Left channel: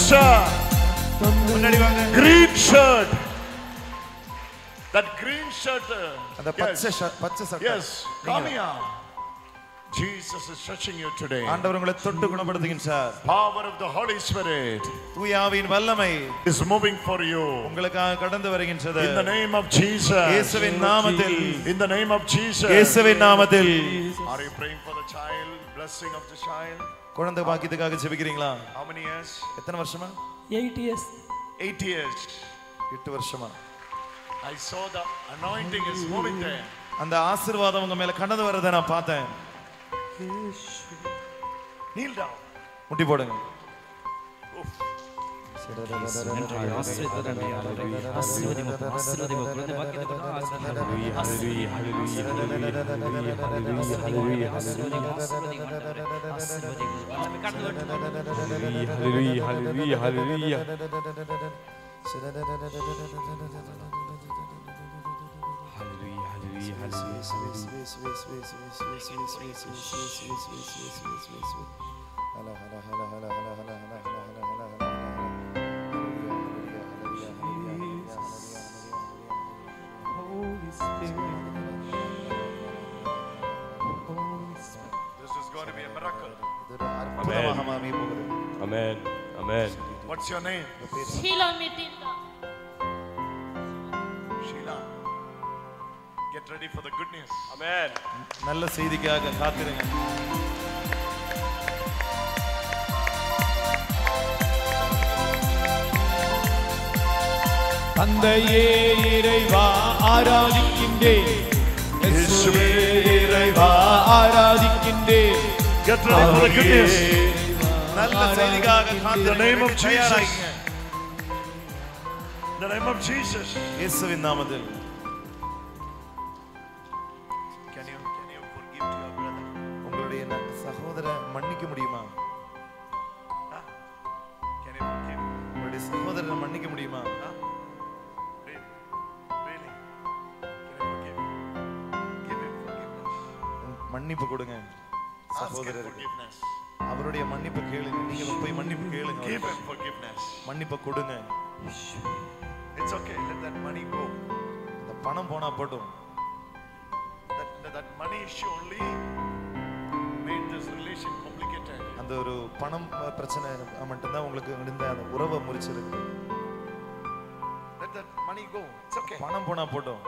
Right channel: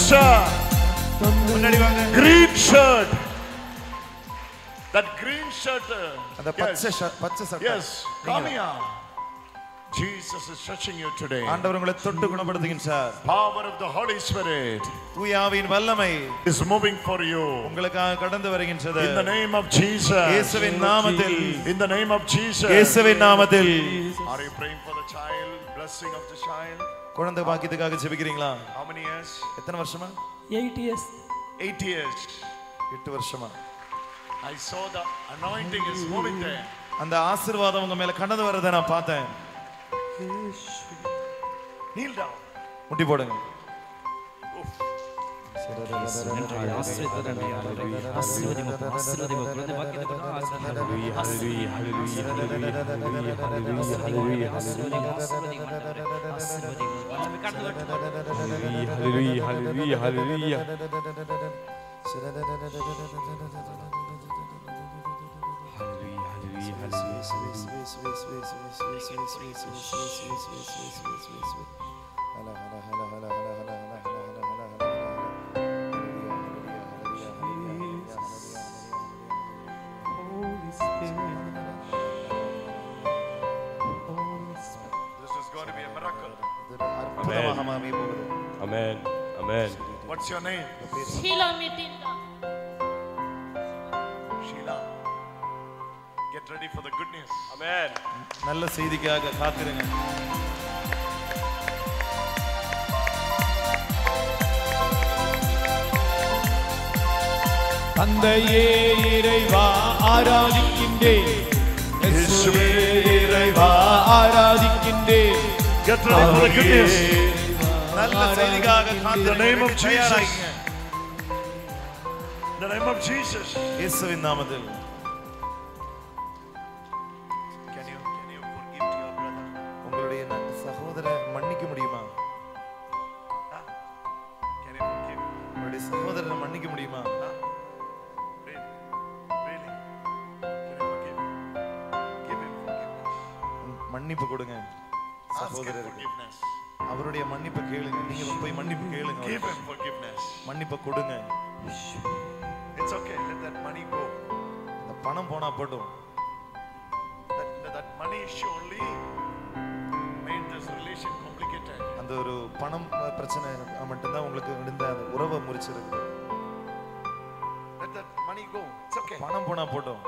sister. Green shirt. That green shirt. அந்த பச்சை சட்டை. Yes. Come here. Jesus is touching you today. ஆண்டவர் உங்களை தொட்டு குணப்படுத்துகின்றார். Power of the Holy Spirit. தூய ஆவியின் வல்லமை is moving for you. உங்களுக்காக கடந்து வருகின்றது. In the name of Jesus. இயேசுவின் நாமத்தில். In the name of Jesus. இயேசுவின் நாமத்தில். Are you praying for the child? Blessing of the child. குழந்தை பாக்கியத்துக்காக ஜெபிக்கிறீங்களா? How many years? எத்தனை வருஷமா? 8 years. 8 years. 8 வருஷமா. I saw the anointing is moving there. அந்த ஆசீர்வாதம் உங்க மேல கடந்து வரதை நான் பார்த்தேன். Kneel down. முட்டி போடுங்க. This is going to be a miracle. Amen. Amen. What's your name? Sheila Mitinda. Sheila. Get ready for the good news. Amen. நல்ல செய்திக்காக காத்திருங்க. தந்தையே இறைவா ஆராதிக்கின்றேன். இயேசுவே இறைவா ஆராதிக்கின்றேன். Get ready for the good news. நல்ல செய்திக்காக காத்திருங்க. In the name of Jesus. In the name of Jesus. இயேசுவின் நாமத்தில். Can you forgive to your brother? உங்களுடைய சகோதரரை மன்னிக்க முடியுமா? Can you forgive? உங்களுடைய சகோதரரை மன்னிக்க முடியுமா? Really? Can you forgive? Give him forgiveness. மன்னிப்பு கொடுங்க Ask him சகோதரருக்கு. forgiveness. அவருடைய மன்னிப்பு கேளுங்க. நீங்க போய் மன்னிப்பு கேளுங்க. Give him forgiveness. மன்னிப்பு கொடுங்க. It's okay. Let that money go. அந்த பணம் போனா போட்டும். That money issue only made this relation complicated. அந்த ஒரு பணம் பிரச்சனை மட்டும்தான் உங்களுக்கு இந்த அந்த உறவை முறிச்சிருக்கு. Let that money go. It's okay. பணம் போனா போட்டும்.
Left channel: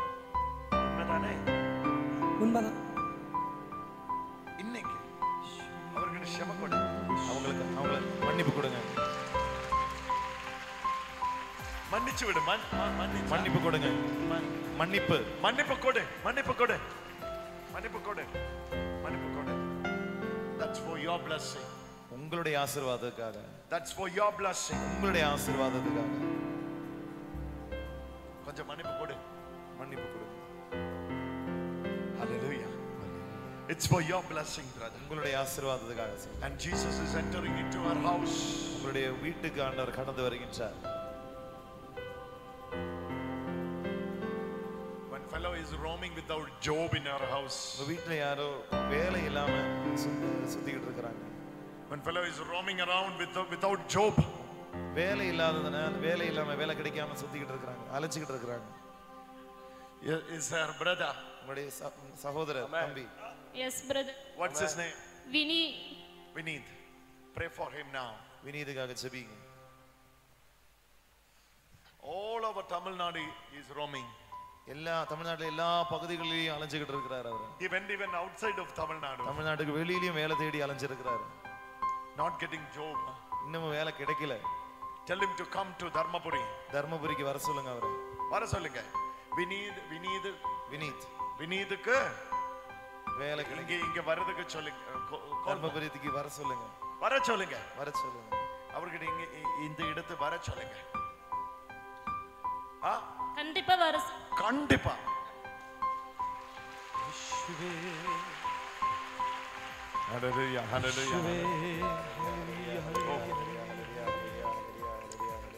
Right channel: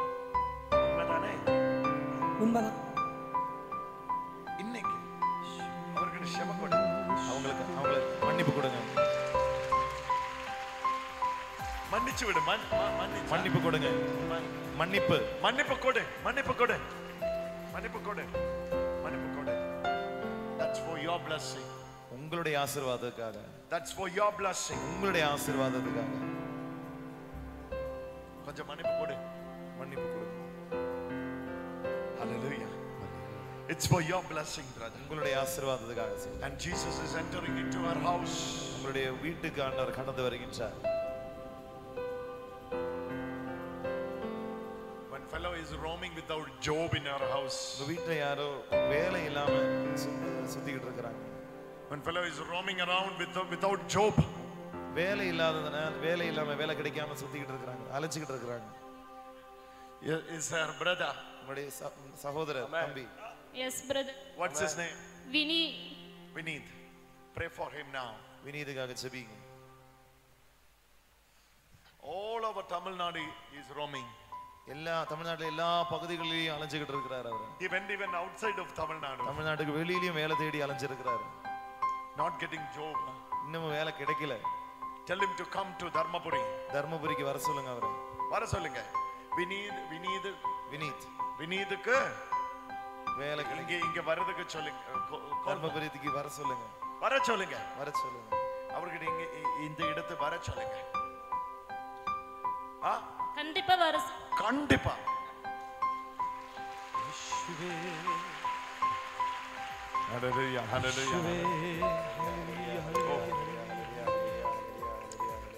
உண்மைதானே? உண்மைதான். இன்னைக்கு அவர்கிட்ட ஷெம கொடு. அவங்கள மன்னிப்பு கொடுங்க. மன்னிச்சு விடு. மன்னிப்பு கொடுங்க. மன்னிப்பு கொடு. மன்னிப்பு கொடு. That's for your blessing. உங்களுடைய ஆசீர்வாதத்துக்காக. That's for your blessing. உங்களுடைய ஆசீர்வாதத்துக்காக. கொஞ்சம் மன்னிப்பு கொடு. மன்னிப்பு கொடுங்க. Hallelujah. It's for your blessing, brother. உங்களுடைய ஆசீர்வாதத்துக்காக. And Jesus is entering into our house. உங்களுடைய வீட்டுக்கு ஆண்டவர் கடந்து வருகின்றார். One fellow is roaming without job in our house. உங்க வீட்ல யாரோ வேலை இல்லாம சுத்திக்கிட்டு இருக்காங்க. One fellow is roaming around without job. வேலை இல்லாததனால வேலை இல்லாம வேலை கிடைக்காம சுத்திக்கிட்டு இருக்காங்க. அலைச்சிட்டு இருக்காங்க. Is our brother? உங்களுடைய சகோதரர் தம்பி. Yes, brother. What's his name? Vineet. Pray for him now. வினீதுக்காக ஜெபிங்க. All over Tamil Nadu is roaming. எல்லா தமிழ்நாட்டுல எல்லா பகுதிகளிலும் அலைஞ்சிட்டு இருக்காரு அவர். He went even outside of Tamil Nadu. தமிழ்நாட்டுக்கு வெளியிலயும் வேலை தேடி அலைஞ்சிருக்காரு. Not getting job. இன்னும் வேலை கிடைக்கல. Tell him to come to Dharmapuri. தர்மபுரிக்கு வர சொல்லுங்க அவரை. வர சொல்லுங்க. வினீதுக்கு வேலை இங்க வரதுக்கு சொல்லுங்க. தர்மபுரிக்கு வர சொல்லுங்க. வர சொல்லுங்க. அவர்கிட்ட இங்க இந்த இடத்து வர சொல்லுங்க. கண்டிப்பா வர. கண்டிப்பா. Hallelujah. Hallelujah.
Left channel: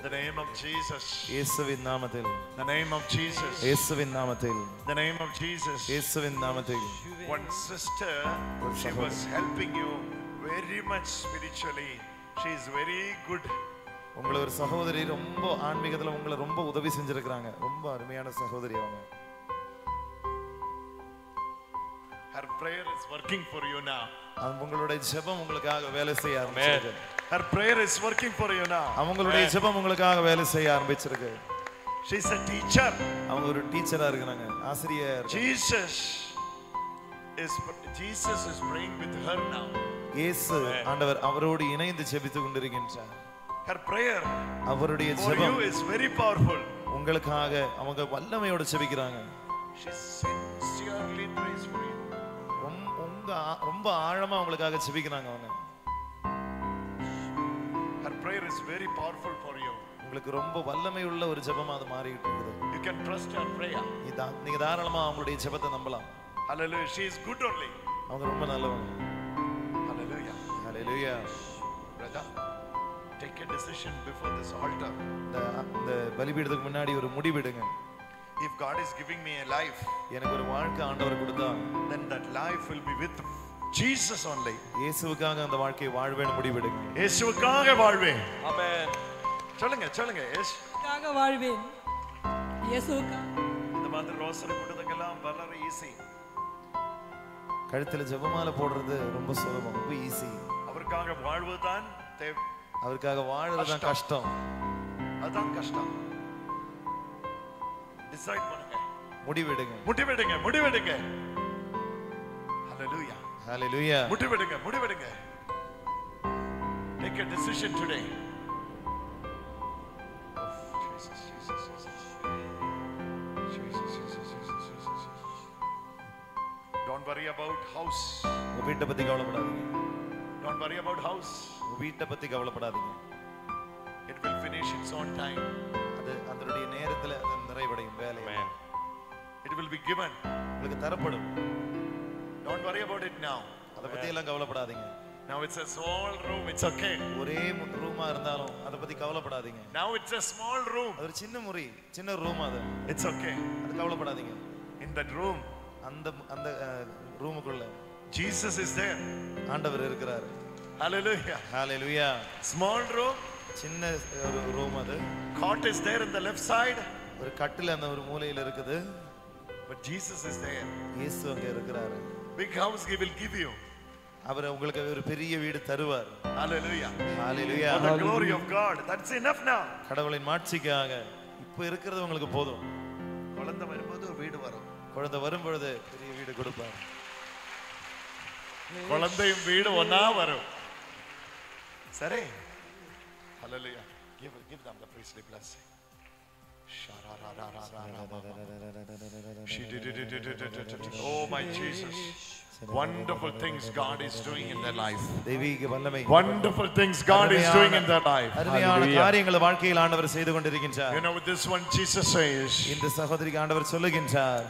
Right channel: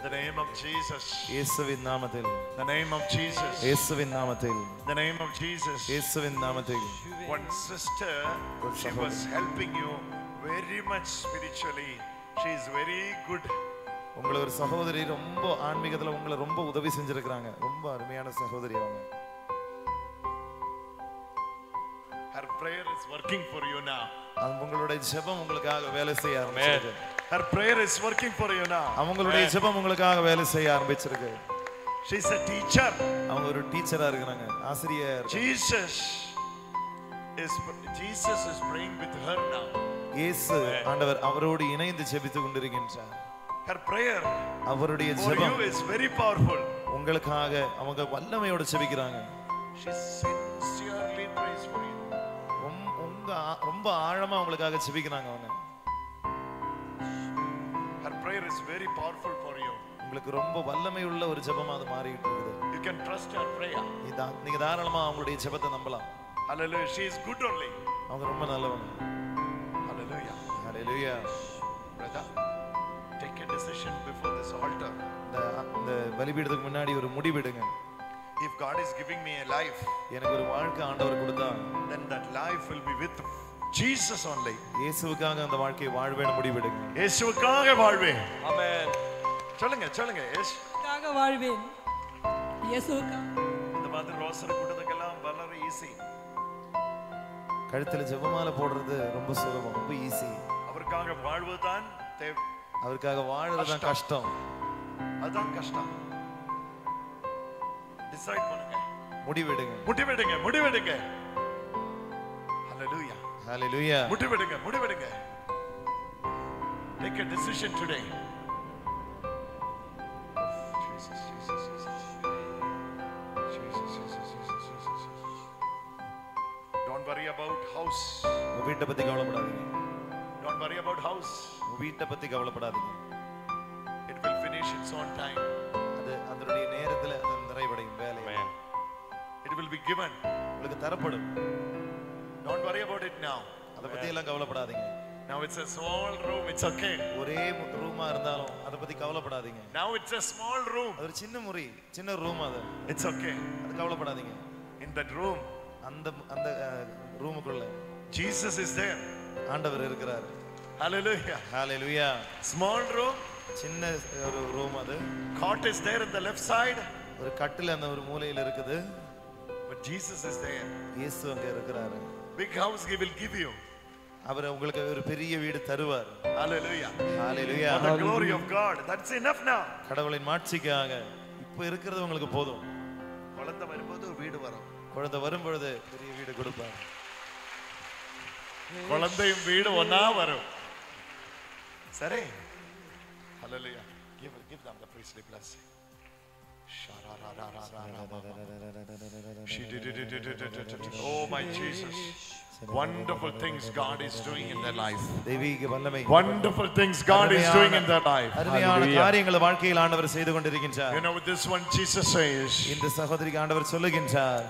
The name of Jesus. இயேசுவின் நாமத்தில். The name of Jesus. இயேசுவின் நாமத்தில். The name of Jesus. இயேசுவின் நாமத்தில். One sister, she was helping you very much spiritually. She is very good. உங்களை ஒரு சகோதரி ரொம்ப ஆன்மீகத்துல உங்களை ரொம்ப உதவி செஞ்சிருக்காங்க. ரொம்ப அருமையான சகோதரி அவங்க. Her prayer is working for you now. அவங்களுடைய ஜெபம் உங்களுக்காக வேலை செய்ய ஆரம்பிச்சிருக்கு. Her prayer is working for you now. அவங்களுடைய ஜெபம் உங்களுக்காக வேலை செய்ய ஆரம்பிச்சிருக்கு. She is a teacher. அவங்க ஒரு டீச்சரா இருக்காங்க, ஆசிரியர். Jesus is praying with her now. இயேசு ஆண்டவர் அவரோடு இணைந்து ஜெபித்துக் கொண்டிருக்கின்றார். Her prayer அவருடைய for you ஜெபம் is very powerful. உங்களுக்காக அவங்க வல்லமையோடு ஜெபிக்கிறாங்க. She sincerely prays for you. ரொம்ப ஆழமா உங்களுக்காக ஜெபிக்கிறாங்க அவங்க. Her prayer is very powerful for you. உங்களுக்கு ரொம்ப வல்லமை உள்ள ஒரு ஜெபமா அது மாறிட்டு இருக்குது. You can trust her prayer. நீங்க தாராளமா அவங்களுடைய ஜெபத்தை நம்பலாம். Hallelujah. She is good only. அவங்க ரொம்ப நல்லவங்க. Hallelujah. Hallelujah. Brother, take a decision before this altar. இந்த பலிபீடத்துக்கு முன்னாடி ஒரு முடிவெடுங்க. If God is giving me a life, எனக்கு ஒரு வாழ்க்கை ஆண்டவர் கொடுத்தா, then that life will be with Jesus only. இயேசுவுக்காக அந்த வாழ்க்கையை வாழ்வேன்னு முடிவெடுங்க. இயேசுவுக்காக வாழ்வேன். ஆமென். சொல்லுங்க சொல்லுங்க. இயேசுவுக்காக வாழ்வேன். இயேசுவுக்காக. இந்த மாதிரி ரோசரி கூட்டத்துக்கெல்லாம் வளர ஈஸி. கழுத்துல ஜெபமாலை போடுறது ரொம்ப சுலபம், ரொம்ப ஈஸி. அவருக்காக வாழ்வதுதான் தேவை. அவருக்காக வாழறது தான் கஷ்டம். அதுதான் கஷ்டம். டிசைட் பண்ணுங்க. முடிவெடுங்க. முடிவெடுங்க. முடிவெடுங்க. Hallelujah. Hallelujah. முடிவெடுங்க. முடிவெடுங்க. Take a decision today. Oh, Jesus, Jesus, Jesus. Jesus, Jesus, Jesus, Jesus. Don't worry about house. உங்க வீட்டை பத்தி கவலைப்படாதீங்க. Don't worry about house. உங்க வீட்டை பத்தி கவலைப்படாதீங்க. It will finish its own time. அது அதனுடைய நேரத்துல அது நிறைவடையும் வேலை. It will be given. உங்களுக்கு தரப்படும். Don't worry about it now. அத பத்தி எல்லாம் கவலைப்படாதீங்க. Now it's a small room. It's okay. ஒரே ரூமா இருந்தாலும் அத பத்தி கவலைப்படாதீங்க. Now it's a small room. அது ஒரு சின்ன முറി, சின்ன ரூம் அது. It's okay. அது கவலைப்படாதீங்க. In that room, அந்த ரூமுக்குள்ள Jesus is there. ஆண்டவர் இருக்கிறார். Hallelujah. Hallelujah. Small room. சின்ன ஒரு ரூம் அது. Cot is there in the left side. ஒரு கட்டில் அந்த ஒரு மூலையில இருக்குது. But Jesus is there. இயேசு அங்க இருக்கிறாரு. Big house he will give you. அவர் உங்களுக்கு ஒரு பெரிய வீடு தருவார். Hallelujah. Hallelujah. For the glory of God. That's enough now. கடவுளின் மாட்சிக்காக இப்போ இருக்கிறது உங்களுக்கு போதும். குழந்தை வரும்போது ஒரு வீடு வரும். குழந்தை வரும்பொழுது பெரிய வீடு கொடுப்பார். குழந்தையும் வீடு ஒண்ணா வரும். சரி. Hallelujah. Give them the priestly blessing. Oh my Jesus. Wonderful things God is doing in their life. தெய்வீக வல்லமை. Wonderful things God is doing in their life. அருமையான காரியங்களை வாழ்க்கையில் ஆண்டவர் செய்து கொண்டிருக்கின்றார். You know this one Jesus says. இந்த சகோதரிக்கு ஆண்டவர் சொல்லுகின்றார்.